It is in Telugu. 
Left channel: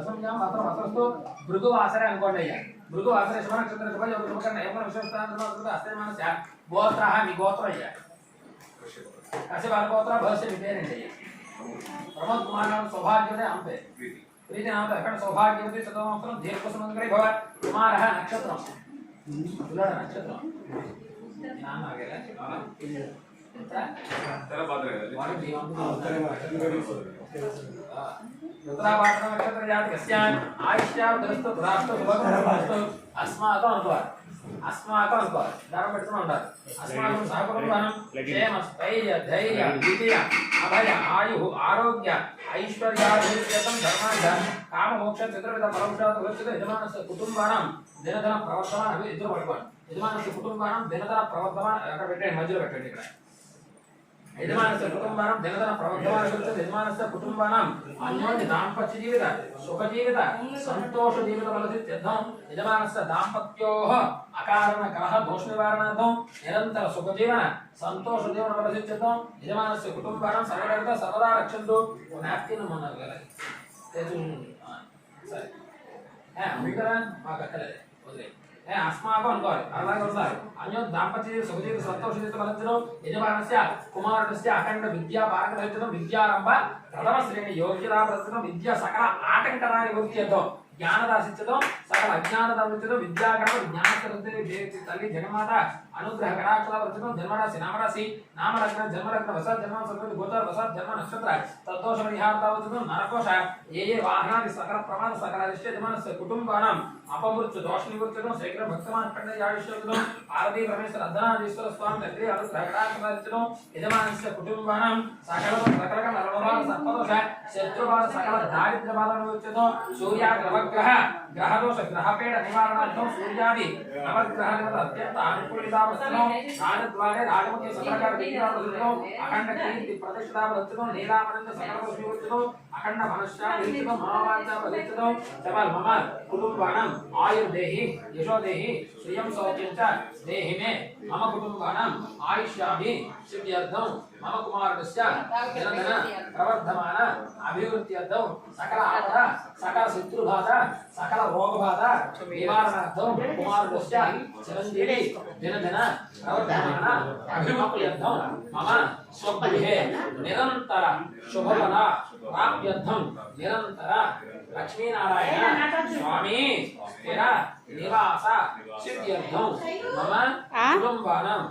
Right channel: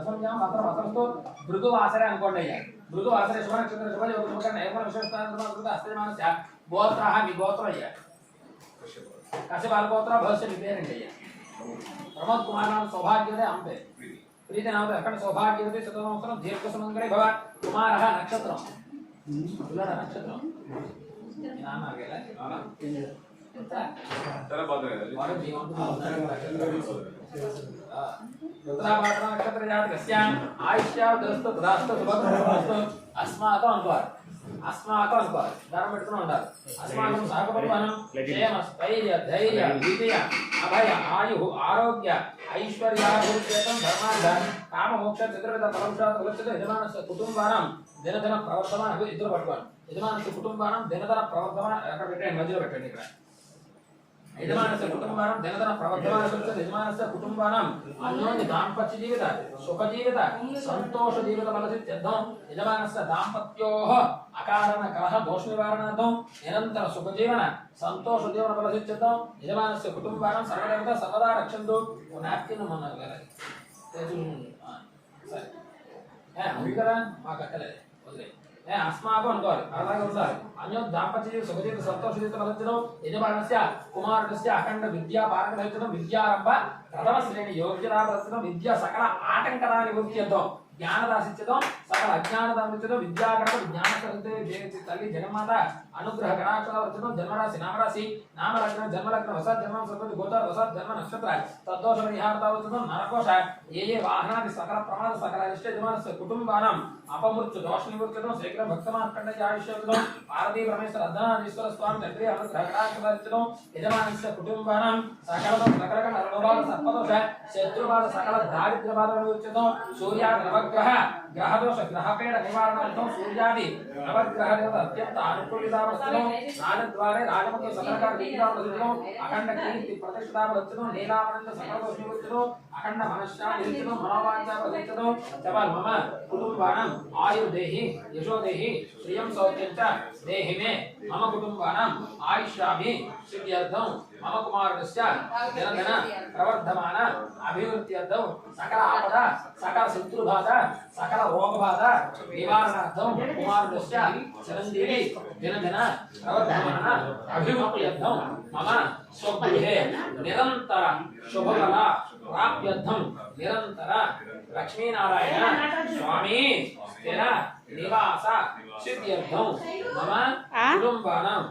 దశమ్యాం మాత్రం అసలు భృగువాసరే అనుకోండి అయ్యా భృగువాసరే శుభ నక్షత్ర శుభ యోగ శుభకరణ ఏమో విశేషాంతరం అస్తమానస్య గోత్రః మీ గోత్రం అయ్యా కశ్యపాల గోత్ర భవిష్య మీ పేరండి అయ్యా ప్రమోద్ కుమార్ నామ సౌభాగ్యవతి అంతే ప్రీతి నామ ఎక్కడ సౌభాగ్యవతి చతుర్మంత్రం దీర్ఘ సుమంగళి భవ కుమారః నక్షత్రం తులాడ నక్షత్రం నాన్న ఆగేలా उत्तरापात्र नक्षत्र जातकस्य आयुष्यावदस्तु तदास्तु सुभगमस्तु अस्माकं अनुभाव दाరం పెట్టుకుని ఉండాలి अस्माकं सहकुटुंबं क्षेम स्थैर्य धैर्य विजय अभय आयु आरोग्य ऐश्वर्याभिवृद्ध्यर्थं धर्मार्थ काम मोक्ष चतुर्विध फलौषधात् उच्यते यजमानस्य कुटुंबानां दिनधन प्रवर्धमान अभी इద్దరు పట్టుకోండి యజమానस्य कुटुंबानां दिनधन प्रवर्धमान అక్కడ పెట్టండి మధ్యలో పెట్టండి ఇక్కడ యజమానस्य कुटुंबानां दिनधन प्रवर्धमान उच्यते यजमानस्य कुटुंबानां अन्योन्य दाम्पत्य जीवित सुख जीवित संतोष जीवित फलसिद्ध्यर्थं यजमानस्य दाम्पत्योः अकारण कलह दोष निवारणार्थं निरंतर सुख जीवन संतोष जीवन फलसिद्ध्यर्थं यजमानस्य कुटुंबानां सर्वदा सर्वदा रक्षन्तु नैप्किन मन्नाరు కదా సరే అందుకరా మాకు అక్కలే వదిలే अस्माकं अनुकोरे అలాగే ఉన్నారు అన్యో దాంపత్య సుఖ జీవిత సంతోష జీవిత ఫలసిద్ధిలో యజమానస్య కుమారుడస్య అఖండ విద్యా పారగతైతున విద్యారంభ ప్రథమ శ్రేణి యోగ్యతా ప్రదర్శనం విద్యా సకల ఆటంకరాల నివృత్తితో జ్ఞానదాసిత్యతో సకల అజ్ఞానదాసిత్యతో విద్యాగణప జ్ఞానసరస్వతి తల్లి జగన్మాత అనుగ్రహ కటాక్షావర్చన జన్మరాశి నామలగ్న జన్మలగ్న వసత్ జన్మ సంపత్తి గోచర వసత్ జన్మ నక్షత్ర తద్దోష పరిహారతావచన నరకోశ ఏ వాహనాది సకల ప్రమాద సకల అరిష్ట యజమానస్య కుటుంబానాం అపమృత్యు దోష నివృత్తితో శ్రీకృష్ణ భక్తమార్కండ ఆవిష్యంలో పార్వతీ పరమేశ్వర అర్ధనాథీశ్వర స్వామి తండ్రి అనుగ్రహ కటాక్షావర్చన యజమానస్య కుటుంబానాం సకల నరలోభాల సర్పదోష శత్రుబాధ సకల దారిద్ర్య బాధ నివృత్తితో సూర్యాది నవగ్రహ గ్రహదోష గ్రహపీడ నివారణార్థం సూర్యాది నవగ్రహాల అత్యంత అనుకూలితావస్థలో రాజద్వారే రాజముఖ్య సకలకార విద్యావస్థలో అఖండ కీర్తి ప్రతిష్టావస్థలో నీలామనంద సకల వివృత్తిలో అఖండ మనశ్శాంతిలో మనోవాంఛావస్థలో సవాల్ మమ కుటుంబానం ఆయుర్దేహి యశోదేహి శ్రియం సౌఖ్యం చ దేహి మే మమ కుటుంబానం ఆయుష్యాభి సిద్ధ్యర్థం మమ కుమారుడస్య దినదిన ప్రవర్ధమాన అభివృద్ధ్యర్థం సకల ఆపద సకల శత్రుబాధ సకల రోగబాధ నివారణార్థం కుమారుడస్య చిరంజీవి దినదిన ప్రవర్ధమాన అభివృద్ధ్యర్థం మమ స్వగృహే నిరంతర శుభఫల ప్రాప్త్యర్థం నిరంతర లక్ష్మీనారాయణ స్వామి స్థిర నివాస సిద్ధ్యర్థం మమ కుటుంబానాం